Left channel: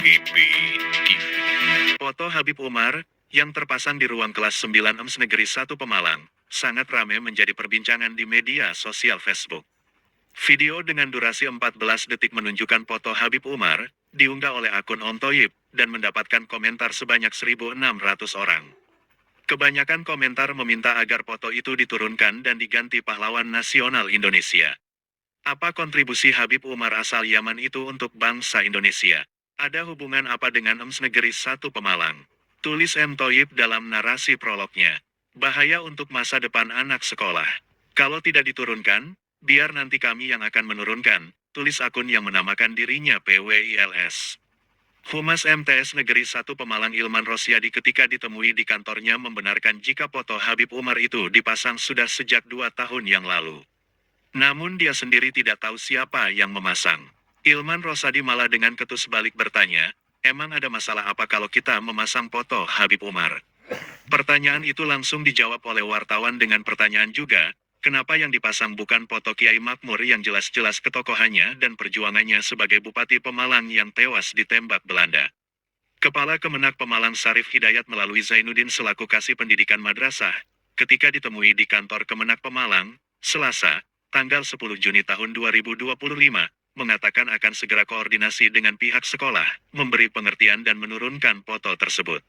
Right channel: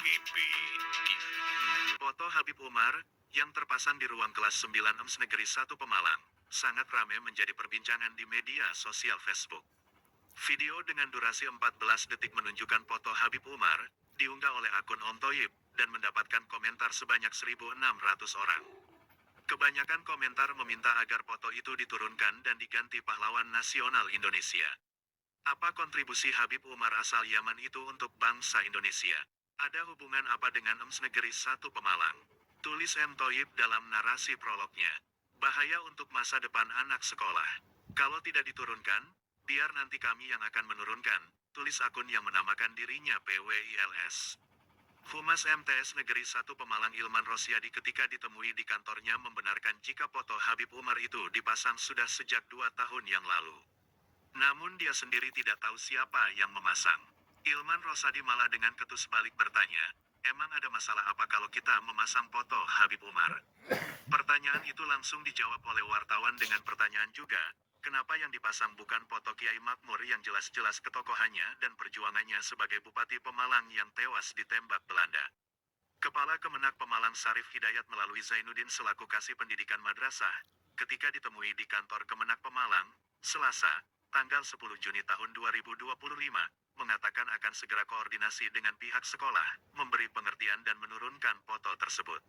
HPP TV. Foto Habib Umar yang terpasang di ruang kelas 9 EMS Negeri 1 Pemalang sangat ramai menjadi perbincangan di media sosial Facebook. Video dengan durasi 14 detik menunjukkan foto Habib Umar diunggah oleh akun Om Toyib dan mendapatkan komentar sebanyak 1.600 orang. Kebanyakan komentar meminta agar foto itu diturunkan dan diganti pahlawan nasional Indonesia. Apa kontribusi Habib Umar asal Yaman itu untuk bangsa Indonesia? Ada hubungan apa dengan EMS Negeri 1 Pemalang? Tulis M. Toyib dalam narasi prolognya. Bahaya untuk masa depan anak sekolah. Kalau tidak diturunkan, biar nanti kami yang akan menurunkan, tulis akun yang menamakan dirinya PWILS. Humas MTS Negeri 1 Pemalang Ilman Rosyadi ketika ditemui di kantornya membenarkan jika foto Habib Umar itu dipasang sudah sejak 2 tahun yang lalu. Namun dia sendiri tidak tahu siapa yang memasang. Ilman Rosadi malah dengan ketus balik bertanya, emang ada masalah apa kalau kita memasang foto Habib Umar? Pertanyaan itu langsung dijawab oleh wartawan dengan pertanyaan juga, kenapa yang dipasang bukan foto Kiai Makmur yang jelas-jelas ketokohannya dan perjuangannya sebagai Bupati Pemalang yang tewas ditembak Belanda. Kepala Kemenak Pemalang Sarif Hidayat melalui Zainuddin selaku Kasih Pendidikan Madrasah, ketika ditemui di kantor Kemenak Pemalang, Selasa, tanggal 10 Juni tahun 2025, mengatakan akan segera koordinasi dengan pihak sekolah, memberi pengertian dan menurunkan foto tersebut.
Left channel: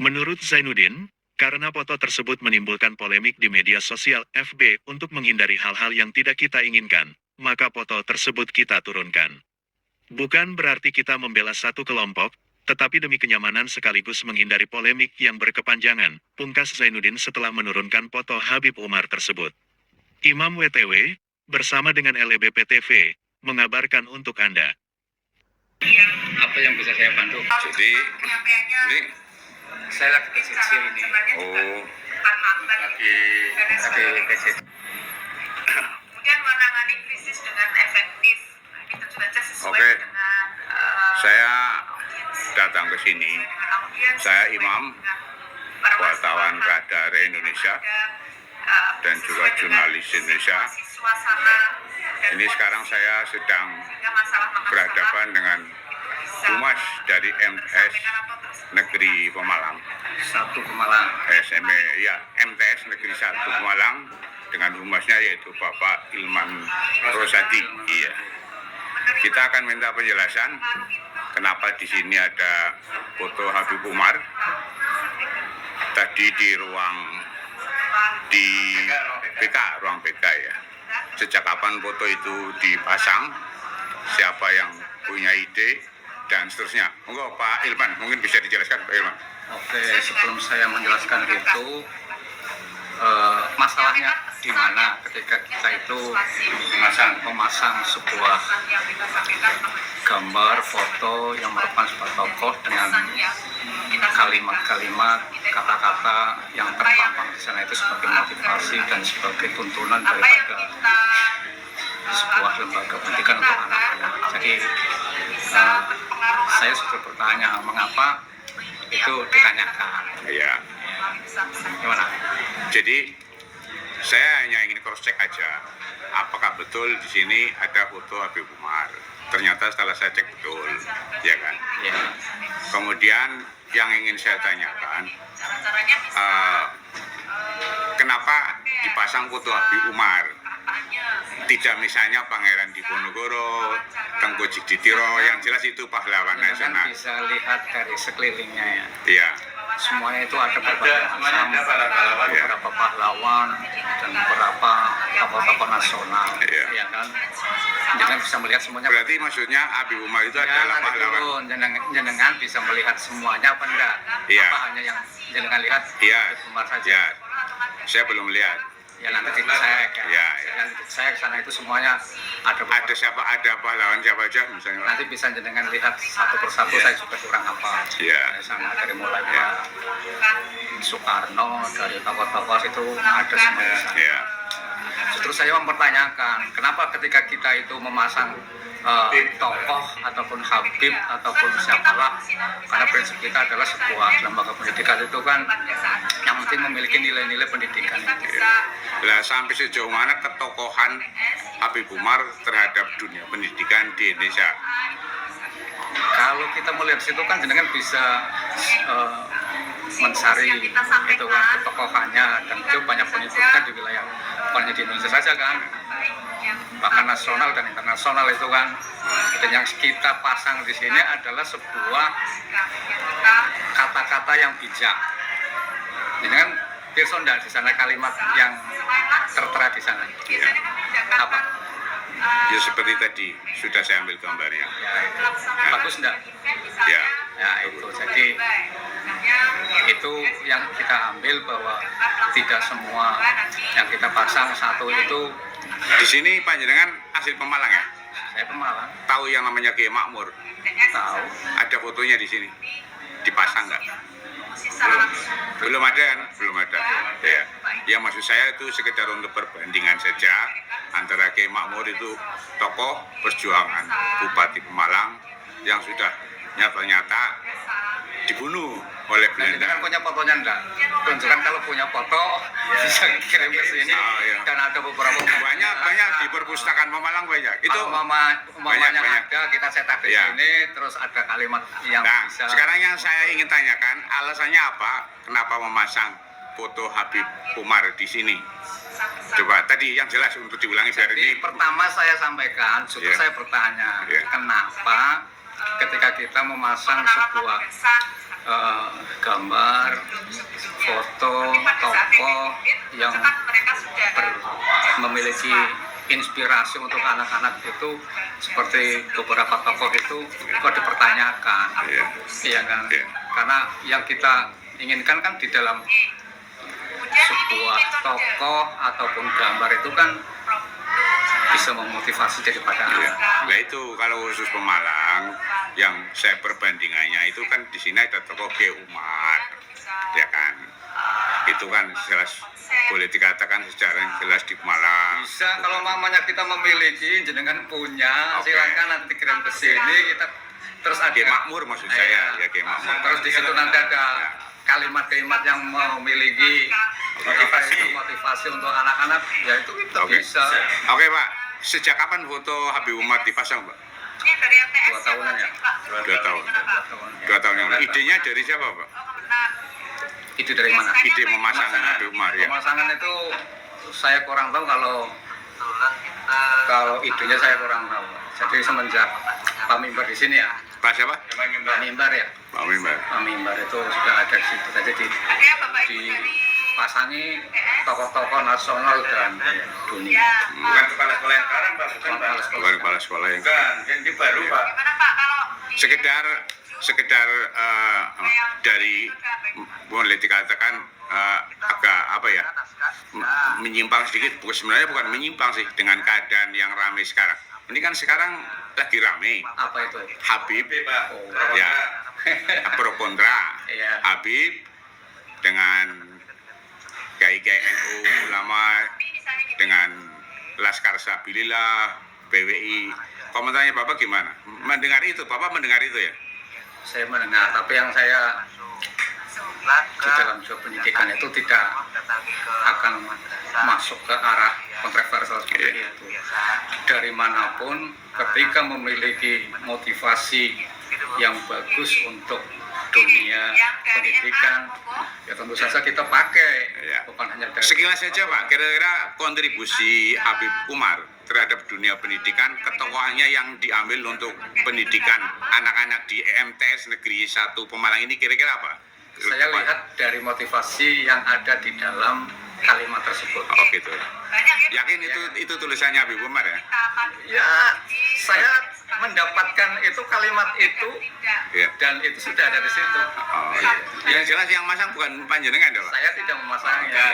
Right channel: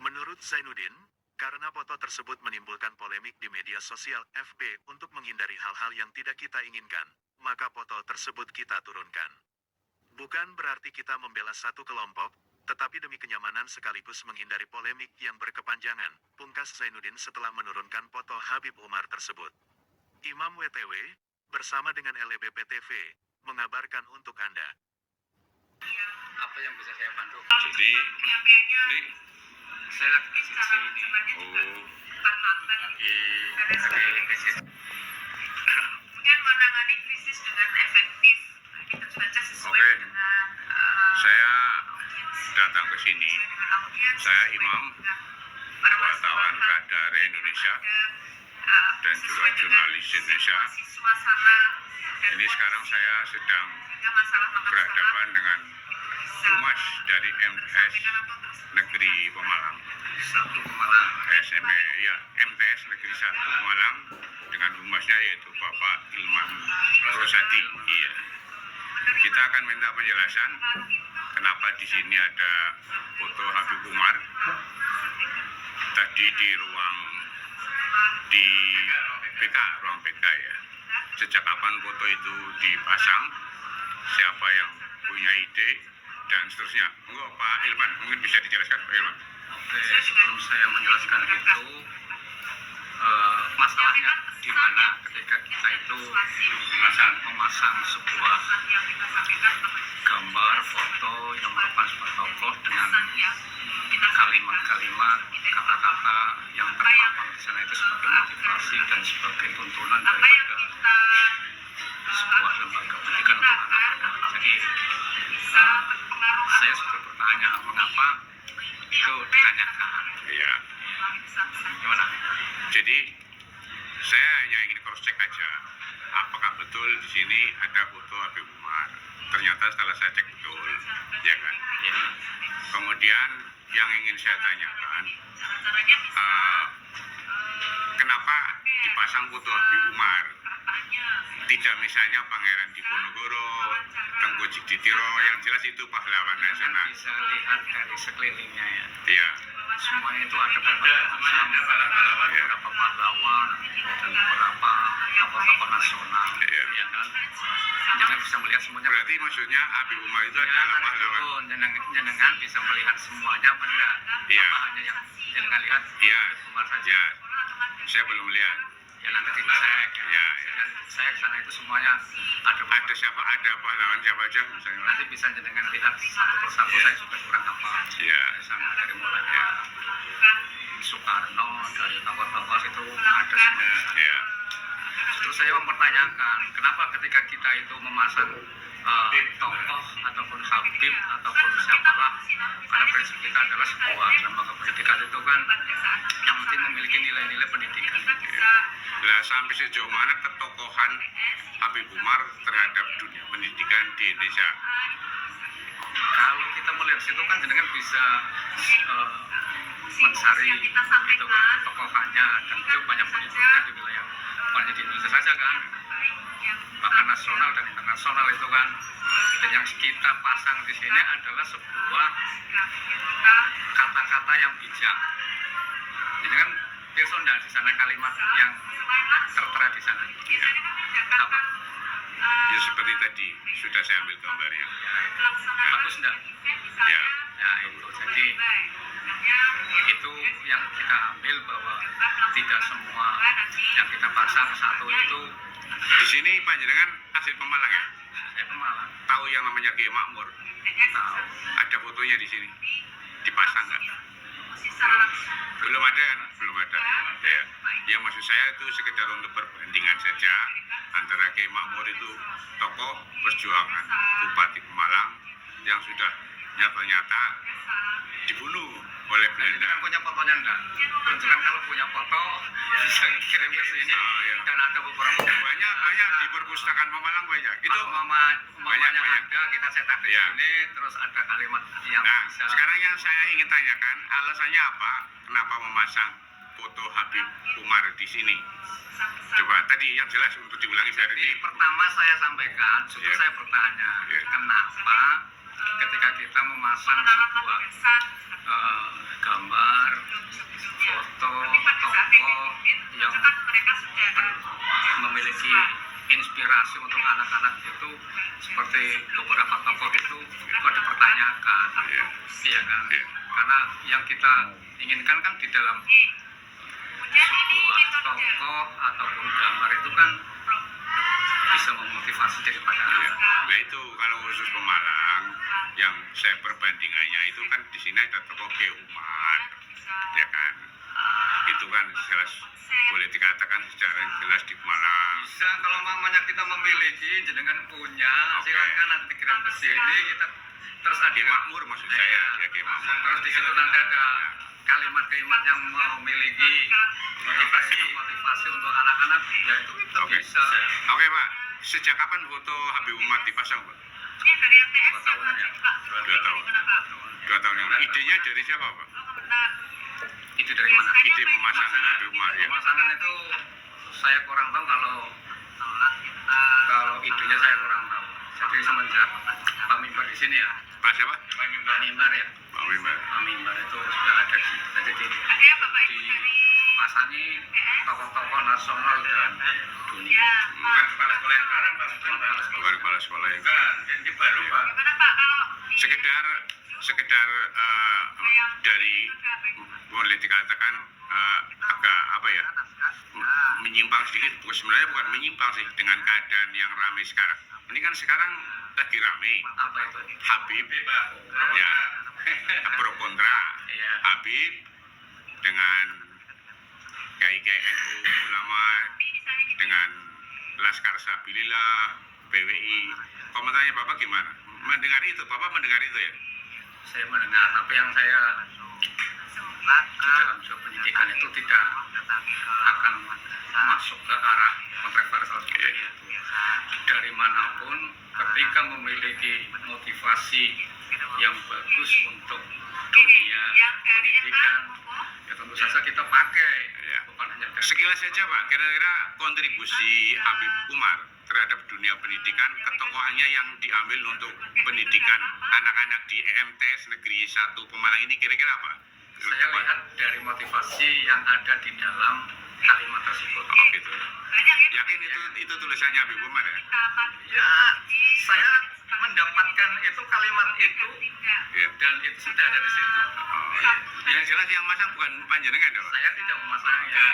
Menurut Zainuddin, karena foto tersebut menimbulkan polemik di media sosial FB untuk menghindari hal-hal yang tidak kita inginkan, maka foto tersebut kita turunkan. Bukan berarti kita membela satu kelompok, tetapi demi kenyamanan sekaligus menghindari polemik yang berkepanjangan, pungkas Zainuddin setelah menurunkan foto Habib Umar tersebut. Imam WTW, bersama dengan LEBP TV, mengabarkan untuk Anda. Apa yang bisa saya bantu? Jadi, ini Saya lagi PCC ini. lagi PCC. Kemudian menangani krisis dengan efektif. Itu saja sesuai Oke. dengan saya datang ke sini. audiens, Saya sesuai Imam, dengan para wartawan Radar Indonesia dan juga sesuai dengan jurnalis Indonesia. situasi suasana dan Ini sekarang saya sedang sehingga masalah-masalah berhadapan dengan bisa humas dari MTS Negeri Pemalang. 1 Pemalang. SME, ya, MTS Negeri 1 Pemalang dengan humasnya yaitu Bapak Ilman Rosadi. Iya. Kita akan minta penjelasan kenapa di sini ada foto Habib Umar. Tadi di ruang ruang PK ya. Sejak kapan foto itu dipasang? Siapa yang punya ide dan seterusnya. Monggo Pak Ilman, mungkin bisa dijelaskan Pak Ilman. Oke, sebelum saya menjelaskan itu, masalahnya di mana ketika kita itu memasang sebuah gambar, foto yang merupakan sebuah tokoh dengan kalimat-kalimat, kata-kata yang terpampang di sana itu sebagai motivasi dan sebagai tuntunan daripada sebuah lembaga pendidikan untuk anak-anak. Jadi saya sudah bertanya mengapa itu ditanyakan. Iya. Gimana? Jadi saya hanya ingin cross check aja, apakah betul di sini ada foto Habib Umar. Ternyata setelah saya cek betul, ya kan. Ya. Kemudian yang ingin saya tanyakan, kenapa dipasang foto Habib Umar? Tidak misalnya Pangeran Diponegoro, Tengku Jiditiro, yang jelas itu pahlawan Kan nasional. bisa lihat dari sekelilingnya ya. Iya, Semuanya itu ada beberapa pahlawan dan beberapa tokoh-tokoh nasional. Iya. Ya kan? Jangan bisa melihat semuanya. berarti maksudnya Habib Umar itu adalah pahlawan. Jenengan bisa melihat semuanya apa enggak? Iya. Apa hanya yang jenengan lihat? Iya, Umar saja. ya, saya belum lihat. Ya nanti dicek ya. Ya, ya. Nanti dicek sana itu semuanya ada. Ada siapa, ada pahlawan siapa aja misalnya? Nanti bisa jenengan lihat satu persatu. Iya. Saya juga kurang apa. Iya. Dari sana dari mulai Iya. Soekarno, dari tokoh-tokoh itu ada semua di sana. Iya. Justru saya mempertanyakan kenapa ketika kita itu memasang tokoh ataupun habib ataupun siapalah, karena prinsip kita adalah sebuah lembaga pendidikan itu kan yang penting memiliki nilai-nilai pendidikan itu. Lah sampai sejauh mana ketokohan Habib Umar terhadap dunia pendidikan di Indonesia? Kalau kita kita melihat situ kan jenengan bisa mencari itu kan ketokohannya, dan itu banyak pengikutnya di wilayah, bukan hanya di Indonesia saja kan, bahkan nasional dan internasional itu kan. Dan yang kita pasang di sini adalah sebuah kata-kata yang bijak. Jadi kan Pirsa enggak di sana kalimat yang tertera di sana. Apa? Ya seperti tadi sudah saya ambil gambarnya. Ya, bagus enggak? Ya, Ya itu. Jadi itu yang kita ambil, bahwa tidak semua yang kita pasang satu itu. di sini panjenengan asli Pemalang ya? Saya Pemalang, Tahu yang namanya Kiai Makmur? tahu. Ada fotonya di sini. Dipasang nggak? Belum ada kan? Belum ada. Ya. Ya maksud saya itu sekedar untuk perbandingan saja antara Kiai Makmur itu tokoh perjuangan Bupati Pemalang yang sudah nyata-nyata dibunuh oleh Nah, kita kan Belanda. punya fotonya enggak? Tunjukkan kalau punya foto, bisa kirim ke sini. Oh, iya. Dan ada beberapa Banyak di perpustakaan Pemalang banyak. Itu Itu umpamanya banyak. ada, kita cetak di Ya. sini, terus ada kalimat yang nah, bisa. sekarang yang saya ingin tanyakan, alasannya apa? Kenapa memasang foto Habib Umar di sini? Coba tadi yang jelas untuk diulangi biar Jadi ini. pertama saya sampaikan, justru Ya. saya bertanya, Ya. kenapa ketika kita memasang sebuah gambar, foto, tokoh yang memiliki inspirasi untuk anak-anak itu, seperti beberapa tokoh itu kok dipertanyakan, Ya. iya kan? Ya. Karena yang kita inginkan kan di dalam sebuah tokoh ataupun gambar itu kan bisa memotivasi daripada Ya. Nah itu kalau khusus Pemalang yang saya perbandingannya itu kan di sini ada tokoh Kiai Umar, ya kan? Itu kan jelas boleh dikatakan secara yang jelas di Pemalang. bisa. Kalau mamanya kita memiliki, jenengan punya, Oke. silakan nanti kirim ke sini, kita terus ada Kiai Makmur maksud saya, ya Kiai Makmur. terus di situ nanti ada kalimat-kalimat yang memiliki motivasi untuk anak-anak, ya itu kita Oke. bisa. Oke Pak, sejak kapan foto Habib Umar dipasang Pak? 2 tahunan ya. 2 tahun. 2 tahun yang lalu. Idenya dari siapa Pak? Itu dari mana? Ide memasang Habib Umar ya. Pemasangan itu saya kurang tahu, kalau idenya saya kurang tahu. Jadi semenjak Pak Mimbar di sini ya, Pak siapa? Pak Mimbar ya, Pak Mimbar. Pak Mimbar itu sudah ada di situ. Jadi dipasangi tokoh-tokoh nasional dan dunia. Bukan kepala sekolah yang sekarang, Pak. Bukan, Pak. Bukan kepala sekolah yang Bukan, yang di baru, Pak. sekedar dari boleh dikatakan agak apa ya menyimpang sedikit. Sebenarnya bukan menyimpang sih dengan keadaan yang ramai sekarang. Ini kan sekarang lagi ramai Apa itu? Habib Pak. ya pro kontra Iya. Habib dengan kiai-kiai NU ulama dengan Laskar Sabilillah PWI. Komentarnya Bapak gimana? Mendengar itu, Bapak mendengar itu ya? Saya mendengar, tapi yang saya di dalam job pendidikan itu tidak akan masuk ke arah kontroversial seperti itu. Dari manapun, ketika memiliki motivasi yang bagus untuk dunia pendidikan, ya tentu saja kita pakai, Ya. bukan hanya dari Sekilas saja Pak, kira-kira kontribusi Habib Umar terhadap dunia pendidikan, ketokohannya yang diambil untuk pendidikan anak-anak di MTS Negeri 1 Pemalang ini kira-kira apa? Saya lihat dari motivasi yang ada di dalam kalimat tersebut. Oh gitu. Yakin itu tulisannya Habib Umar ya? Ya, saya mendapatkan itu kalimat itu Iya. dan itu sudah ada di situ. Oh, iya. Yang jelas yang masang bukan panjenengan dong? Saya tidak memasangnya.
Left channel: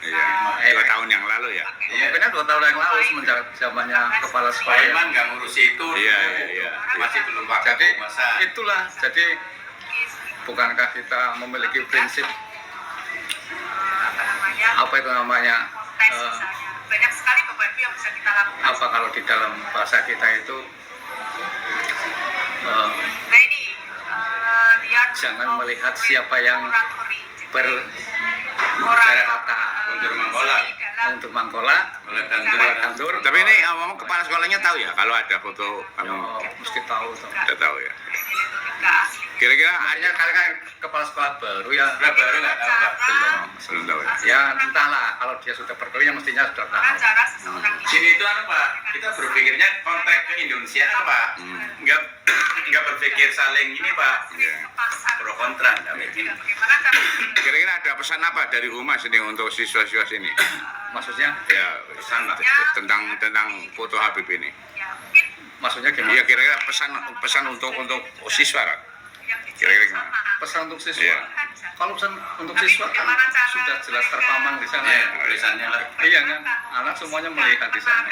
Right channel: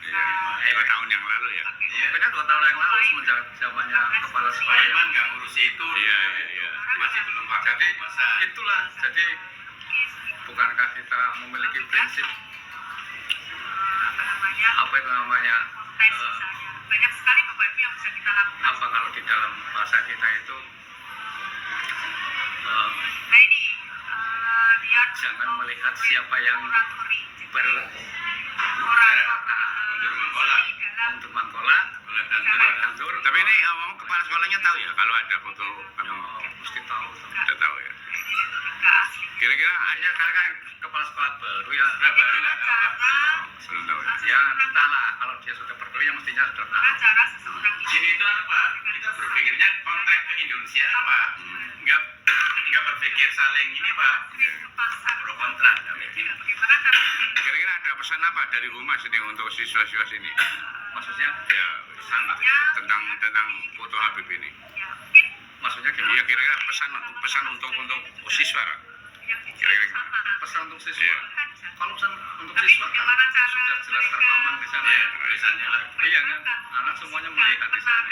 Iya. 2 tahun yang lalu ya? Mungkin 2 tahun yang lalu semenjak zamannya kepala Pak sekolah. Iman nggak ngurusi itu. Iya, iya. Masih belum pakai Jadi masa. itulah. Jadi bukankah kita memiliki prinsip apa itu namanya? Banyak sekali beban yang bisa kita lakukan. Apa kalau di dalam bahasa kita itu Nah ini dia jangan melihat siapa yang berkata Untuk mengkolak. untuk mangkola, Oleh tandur. Tapi ini ngomong kepala sekolahnya tahu ya kalau ada foto Ya, mesti tahu. Udah tahu ya. artinya kalian kan kepala sekolah baru ya. Lah baru nggak tahu Pak. Belum tahu ya. Ya entahlah, kalau dia sudah berkeliling yang mestinya sudah tahu. cara seseorang Sini itu anu Pak, kita berpikirnya kontrak ke Indonesia Pak. Nggak berpikir saling ini Pak. Ya. Pro kontra nggak begitu. bagaimana cara Kira-kira ada pesan apa dari Humas ini untuk siswa-siswa sini? Maksudnya, Ya, Pesan Pak. tentang foto Habib ini. ya mungkin maksudnya gimana? Iya, kira-kira pesan untuk siswa, Kak. yang Kira-kira gimana? Pesan untuk siswa. Iya. Kalau pesan untuk siswa kan sudah jelas terpampang di sana. Ya, tulisannya lah. Iya kan, anak semuanya melihat di sana.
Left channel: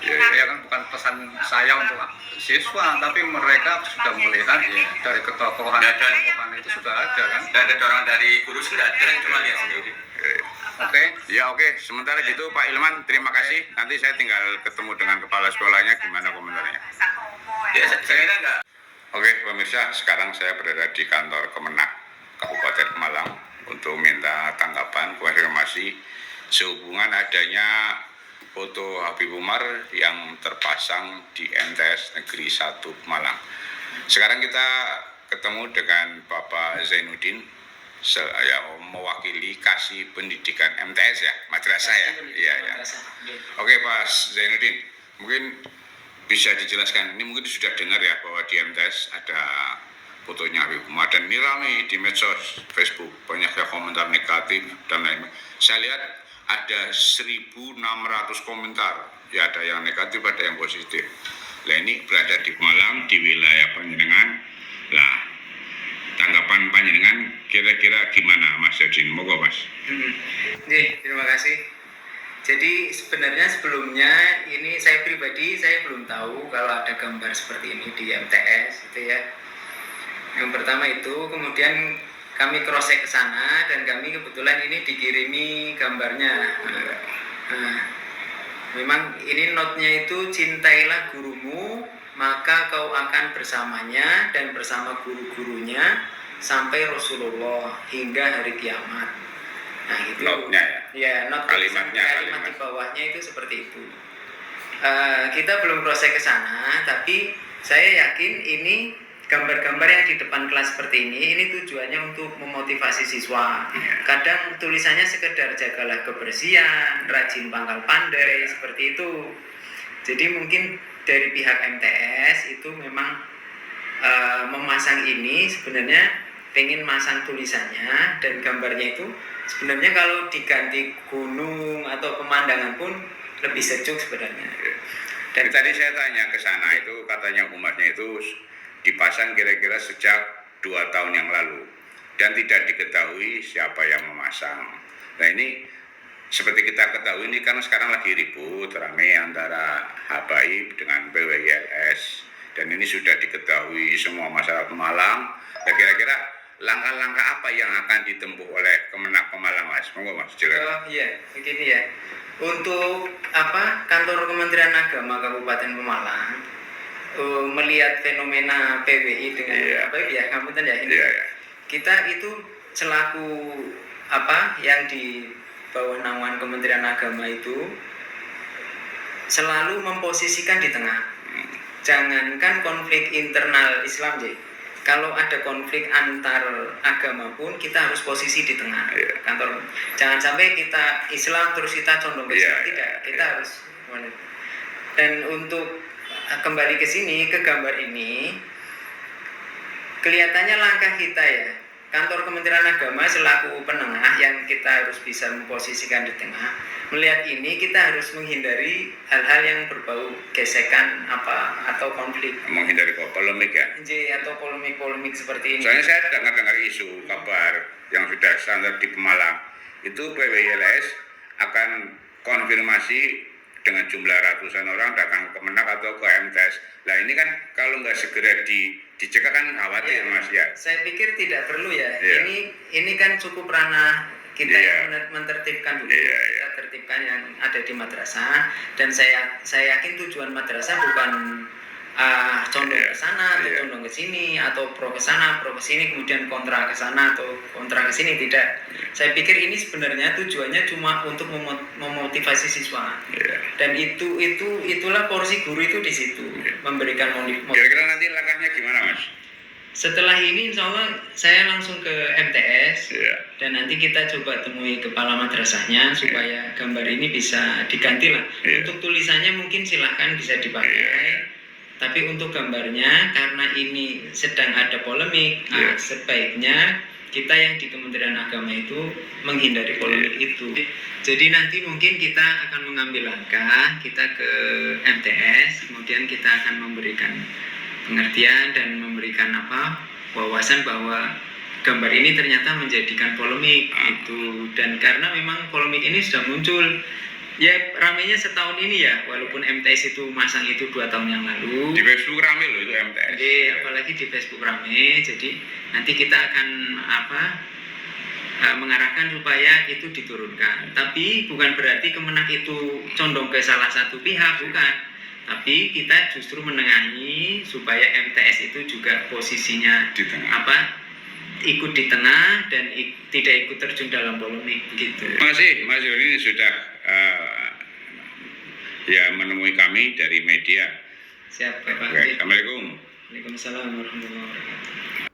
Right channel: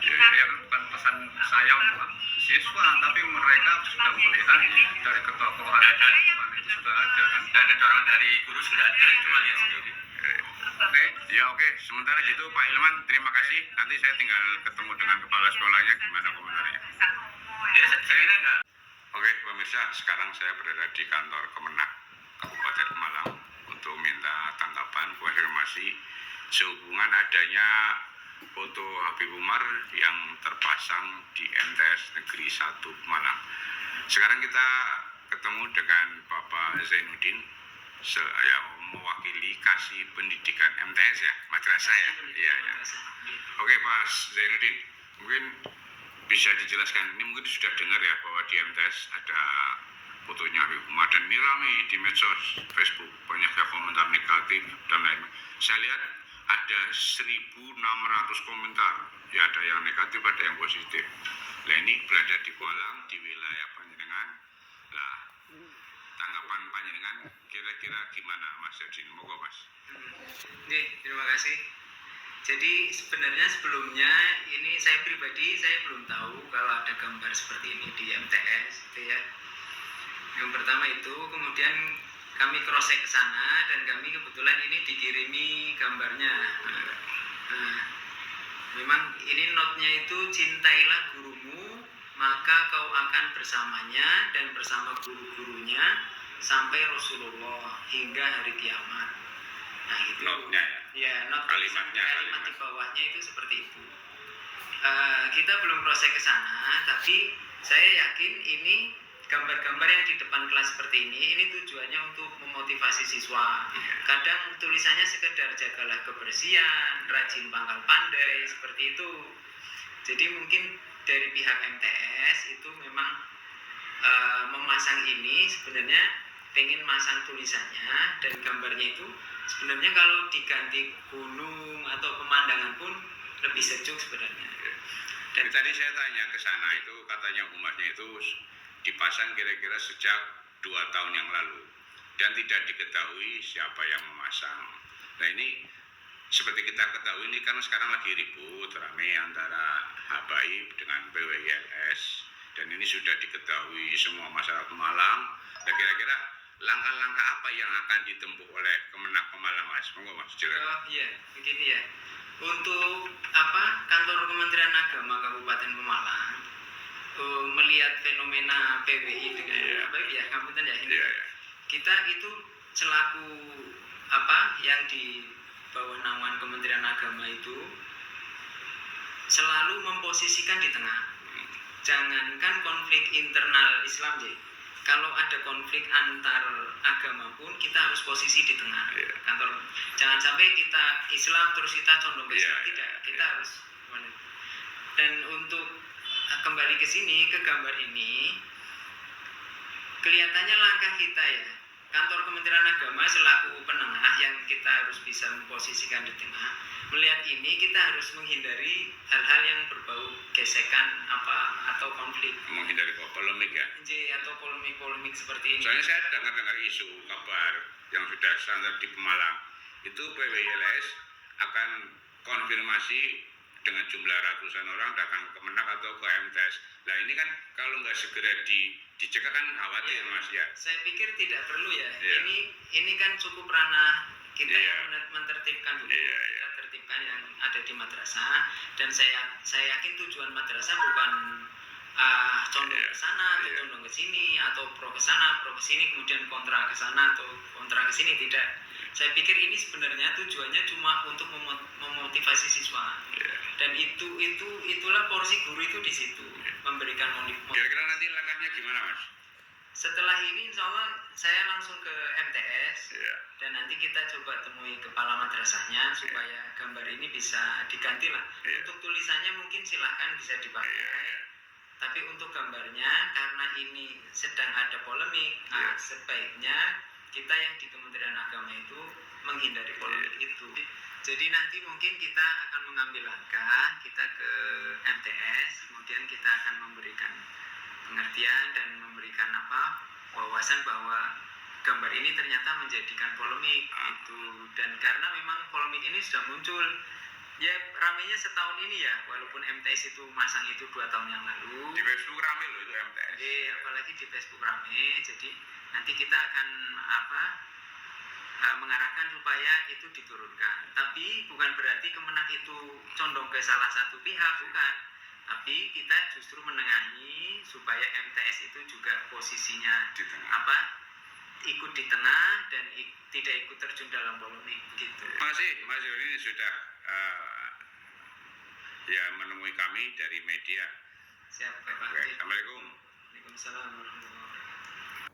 Ya, Ya kan bukan pesan saya untuk siswa, tapi mereka sudah melihat ya, dari ketokohan itu sudah ada kan. Nggak ada orang dari guru sudah ada, cuma lihat sendiri. Oke. Ya, oke. Sementara gitu Pak Ilman, terima kasih. Nanti saya tinggal ketemu dengan kepala sekolahnya, gimana komentarnya. Ya, saya kira nggak. Oke, pemirsa, sekarang saya berada di kantor Kemenak Kabupaten Malang untuk minta tanggapan konfirmasi sehubungan adanya foto Habib Umar yang terpasang di MTS Negeri 1 Malang. Sekarang kita ketemu dengan Bapak Zainuddin, yang mewakili Kasih Pendidikan MTS ya, madrasah ya. Iya, ya. Oke, Pak Zainuddin, mungkin bisa dijelaskan, ini mungkin sudah dengar ya bahwa di MTS ada fotonya Habib Umar dan ini ramai di medsos Facebook, banyak yang komentar negatif dan lain-lain. Saya lihat ada 1.600 komentar, ya ada yang negatif, ada yang positif. Nah ini berada di Malang, di wilayah Panjenengan. Lah, tanggapan Panjenengan kira-kira gimana Mas Yadin? Moga Mas. Nih, terima kasih. Jadi sebenarnya sebelumnya ini saya pribadi saya belum tahu kalau ada gambar seperti ini di MTS gitu ya. Yang pertama itu, kemudian kami cross check ke sana dan kami kebetulan ini dikirimi gambarnya. Nah, memang ini notnya itu cintailah gurumu maka kau akan bersamanya dan bersama guru-gurunya sampai Rasulullah hingga hari kiamat. Nah itu Notnya ya? Ya, not Kalimatnya, kalimat di bawahnya itu seperti itu. Kita belum proses ke sana, tapi saya yakin ini gambar-gambar yang di depan kelas seperti ini tujuannya untuk memotivasi siswa. Kadang tulisannya sekedar jagalah kebersihan, rajin pangkal pandai, seperti itu. Jadi mungkin dari pihak MTS itu memang memasang ini sebenarnya pengen masang tulisannya dan gambarnya itu sebenarnya kalau diganti gunung atau pemandangan pun lebih sejuk sebenarnya. Dan tadi saya tanya ke sana itu katanya umatnya itu dipasang kira-kira sejak 2 tahun yang lalu dan tidak diketahui siapa yang memasang. Nah ini seperti kita ketahui ini kan sekarang lagi ribut ramai antara Habaib dengan PWILS dan ini sudah diketahui semua masyarakat Malang. Dan kira-kira langkah-langkah apa yang akan ditempuh oleh Kemenak Pemalang, Mas? Monggo Mas, silakan. Iya, begini ya. Untuk kantor Kementerian Agama Kabupaten Pemalang melihat fenomena PWI dengan ngapunten ya ini. Iya, ya. Kita itu selaku yang di bawah naungan Kementerian Agama itu selalu memposisikan di tengah. Jangankan konflik internal Islam, kalau ada konflik antar agama pun kita harus posisi di tengah. Kantor, jangan sampai kita Islam terus kita condong ke Islam, tidak. Kita harus. Dan untuk kembali ke sini, ke gambar ini, kelihatannya langkah kita ya. Kantor Kementerian Agama selaku penengah yang kita harus bisa memposisikan di tengah. Melihat ini kita harus menghindari hal-hal yang berbau gesekan atau konflik. Menghindari polemik ya. Atau polemik-polemik seperti ini. Soalnya saya dengar isu kabar yang sudah standar di Pemalang itu PWILS akan konfirmasi dengan jumlah ratusan orang datang ke Kemenak atau ke MTS. Nah ini kan kalau nggak segera dicegah kan khawatir Mas ya. Saya pikir tidak perlu ya. Ya. Ini kan cukup ranah kita Ya. yang mentertibkan dulu. Ya. Kita tertibkan yang ada di madrasah dan saya yakin tujuan madrasah bukan condong ke sana atau condong ke sini atau pro ke sana, pro ke sini kemudian kontra ke sana atau kontra ke sini, tidak. Saya pikir ini sebenarnya tujuannya cuma untuk memotivasi siswa. Dan itulah porsi guru itu di situ, memberikan motivasi. Kira-kira nanti langkahnya gimana Mas? setelah ini insya Allah saya langsung ke MTS Iya. dan nanti kita coba temui kepala madrasahnya supaya gambar ini bisa diganti lah. Iya. Untuk tulisannya mungkin silahkan bisa dipakai. Iya. Tapi untuk gambarnya karena ini sedang ada polemik, Iya. sebaiknya kita yang di Kementerian Agama itu menghindari polemik itu. Jadi nanti mungkin kita akan mengambil langkah, kita ke MTS, kemudian kita akan memberikan pengertian dan memberikan wawasan bahwa gambar ini ternyata menjadikan polemik itu, dan karena memang polemik ini sudah muncul ya ramainya setahun ini ya, walaupun MTS itu masang itu 2 tahun yang lalu. Di Facebook rame loh itu MTS. Jadi apalagi di Facebook rame, jadi nanti kita akan mengarahkan supaya itu diturunkan. Tapi bukan berarti Kemenak itu condong ke salah satu pihak, bukan. Tapi kita justru menengahi supaya MTS itu juga posisinya Di tengah. ikut di tengah dan tidak ikut terjun dalam polemik begitu. Terima kasih Mas Yoni sudah ya menemui kami dari media. Siap, Pak. Oke, Assalamualaikum. Waalaikumsalam warahmatullahi wabarakatuh.